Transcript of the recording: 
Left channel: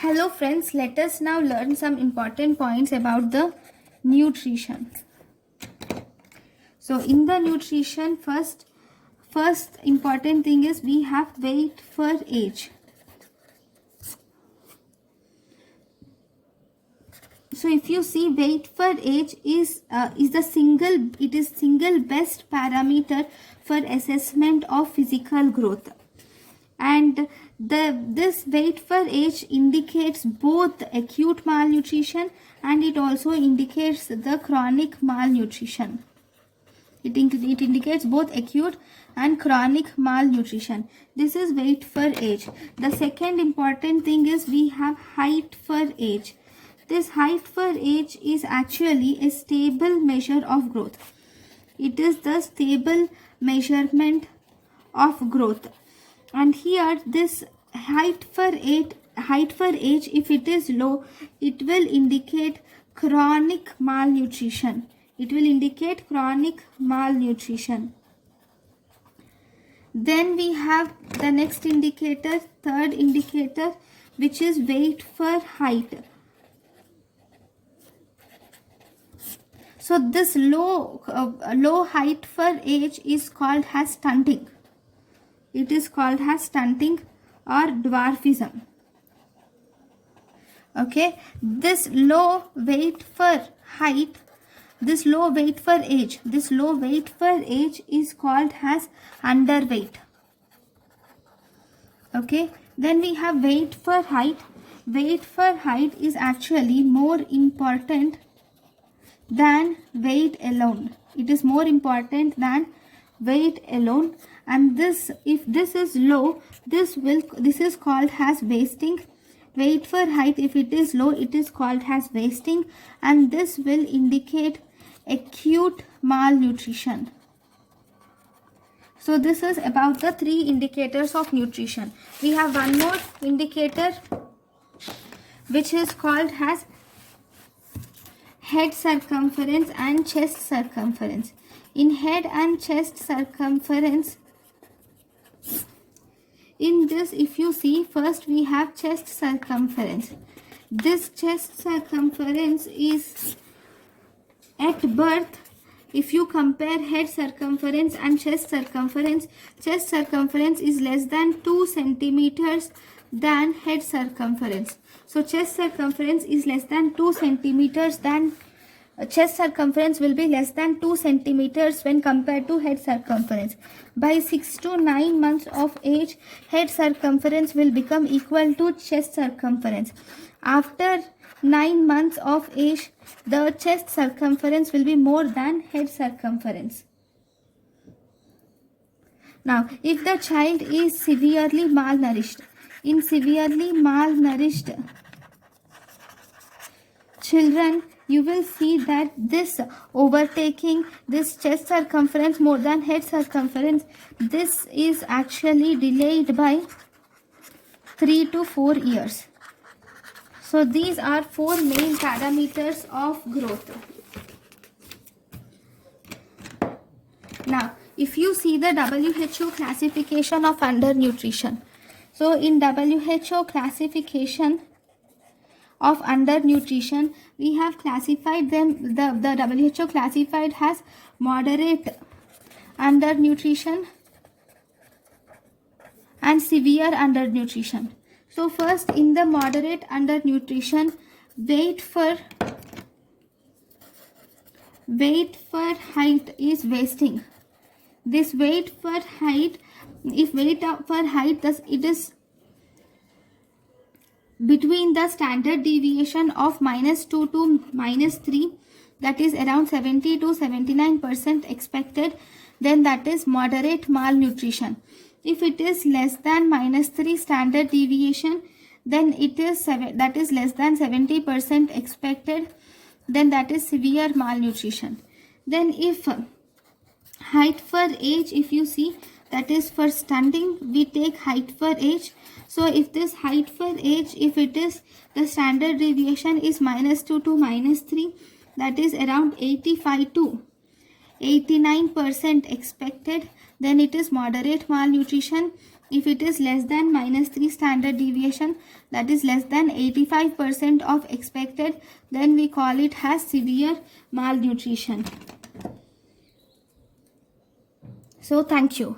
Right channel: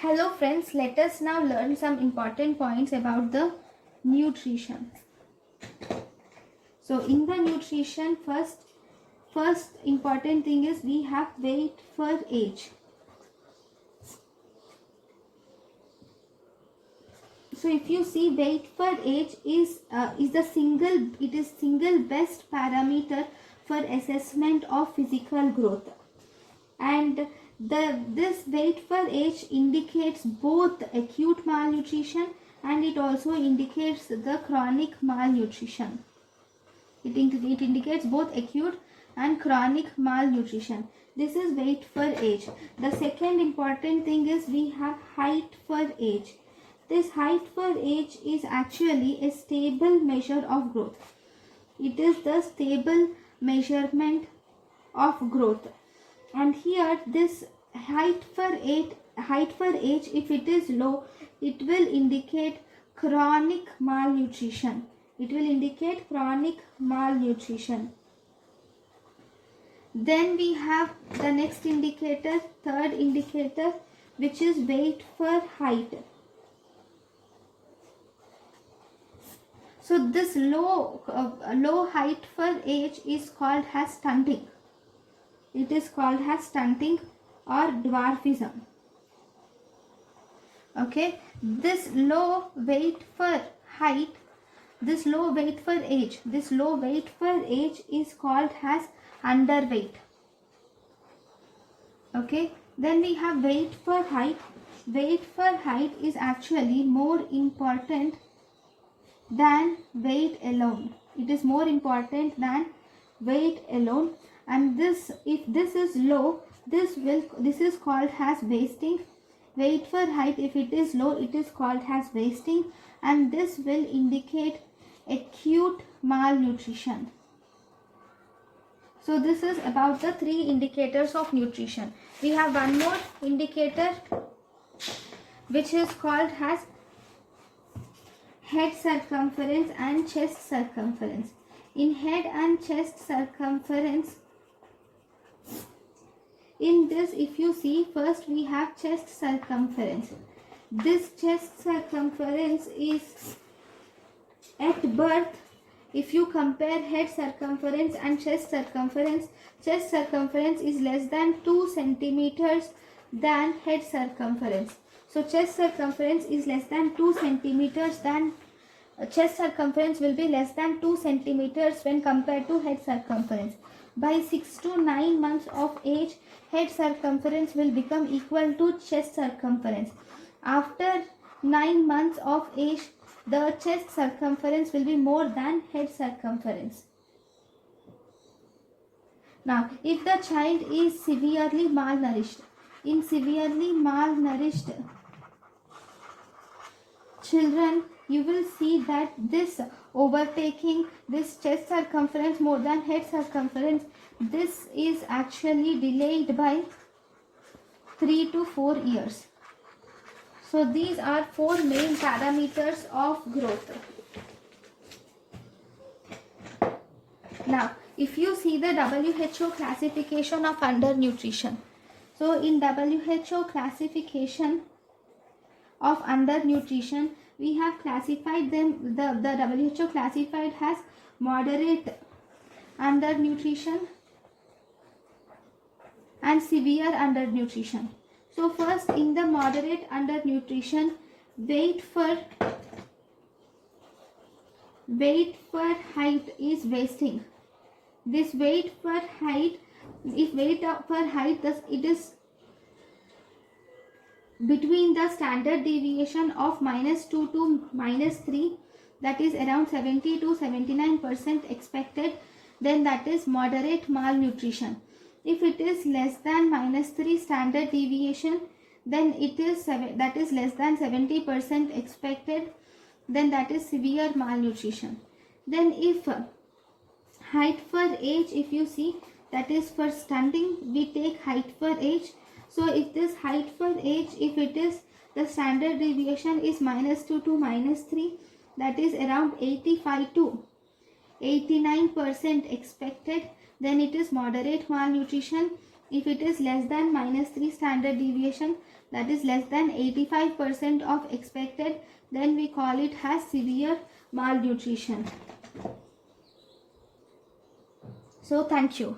Hello friends, let us now learn some important points about the nutrition. So in the nutrition, first important thing is we have weight for age. So if you see, weight for age is single best parameter for assessment of physical growth, and this weight for age indicates both acute malnutrition and it also indicates the chronic malnutrition. It indicates both acute and chronic malnutrition. This is weight for age. The second important thing is we have height for age. This height for age is actually a stable measure of growth. It is the stable measurement of growth. And here this height for age, if it is low, it will indicate chronic malnutrition. It will indicate chronic malnutrition. Then we have the next indicator, third indicator, which is weight for height. So this low height for age is called as stunting. It is called as stunting or dwarfism. Okay, this low weight for height, this low weight for age is called as underweight. Okay, then we have weight for height. Weight for height is actually more important than weight alone. It is more important than weight alone, and if this is low, this is called as wasting. Weight for height, if it is low, it is called as wasting, and this will indicate acute malnutrition. So this is about the three indicators of nutrition. We have one more indicator which is called as head circumference and chest circumference. In head and chest circumference, in this, if you see, first we have chest circumference. This chest circumference is at birth. If you compare head circumference and chest circumference is less than 2 centimeters than head circumference. So chest circumference is less than 2 centimeters than chest circumference will be less than 2 centimeters when compared to head circumference. By 6 to 9 months of age, head circumference will become equal to chest circumference. After 9 months of age, the chest circumference will be more than head circumference. Now, if the child is severely malnourished, in severely malnourished children, you will see that this overtaking this chest circumference more than head circumference, this is actually delayed by 3 to 4 years. So these are 4 main parameters of growth. Now, if you see the WHO classification of undernutrition. So in WHO classification of undernutrition, we have classified them, the WHO classified as moderate undernutrition and severe undernutrition. So first, in the moderate undernutrition, weight for height is wasting. This weight for height, if weight for height, thus it is between the standard deviation of -2 to -3, that is around 70 to 79% expected, then that is moderate malnutrition. If it is less than -3 standard deviation, then it is that is less than 70% expected, then that is severe malnutrition. Then if height for age, if you see, that is for stunting, we take height for age. So if this height for age, if it is the standard deviation is -2 to -3, that is around 85 to 89% expected, then it is moderate malnutrition. If it is less than -3 standard deviation, that is less than 85% of expected, then we call it as severe malnutrition. So thank you.